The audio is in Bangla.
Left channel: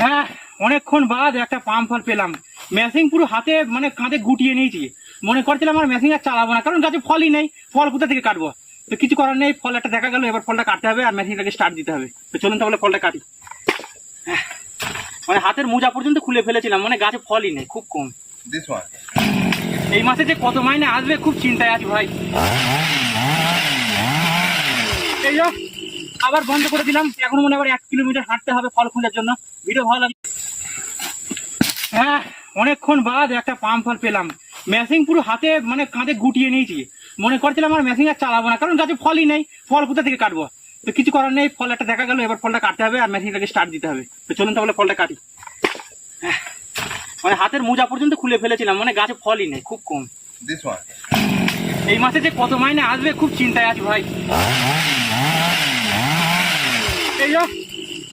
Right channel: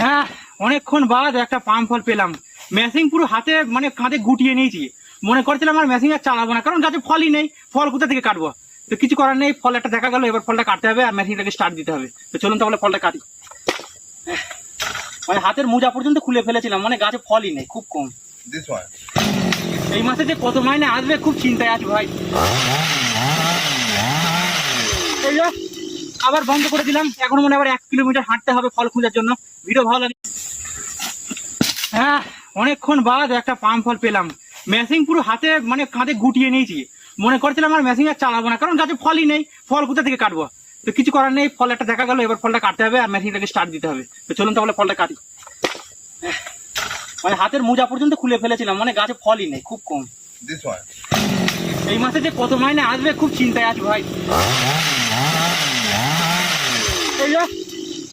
হ্যাঁ, অনেকক্ষণ বাদ একটা পাম ফল পেলাম। মেশিন পুরো হাতে মানে কাঁধে গুটিয়ে নিয়েছি। মনে করছিলাম আর মেশিন আর চালাবো না, কারণ গাছে ফলই নেই। ফল কোথা থেকে কাটবো? তো কিছু করার নেই, ফল একটা দেখা গেল, এবার ফলটা কাটতে হবে আর মেশিনটাকে স্টার্ট দিতে হবে। তো চলুন তাহলে ফলটা কাটি। মানে হাতের মোজা পর্যন্ত খুলে ফেলেছিলাম, মানে গাছে ফলই নেই, খুব কম। This one. এই মাসে যে কত মাইনে আসবে খুব চিন্তায় আছি ভাই। এই যো, আবার বন্ধ করে দিলাম। এখন মনে আবার 1 কিলোমিটার হাঁটতে হবে ফল খোঁজার জন্য। ভিডিও ভালো লাগে। হ্যাঁ, অনেকক্ষণ বাদ একটা পাম ফল পেলাম। মেশিন পুরো হাতে মানে কাঁধে গুটিয়ে নিয়েছি। মনে করছিলাম আর মেশিন আর চালাবো না, কারণ গাছে ফলই নেই। ফল কোথা থেকে কাটবো? তো কিছু করার নেই, ফল একটা দেখা গেল, এবার ফলটা কাটতে হবে আর মেশিনটাকে স্টার্ট দিতে হবে। তো চলুন তাহলে ফলটা কাটি। মানে হাতের মোজা পর্যন্ত খুলে ফেলেছিলাম, মানে গাছে ফলই নেই, খুব কম। This one. এই মাসে যে কত মাইনে আসবে খুব চিন্তায় আছি ভাই। এই যো,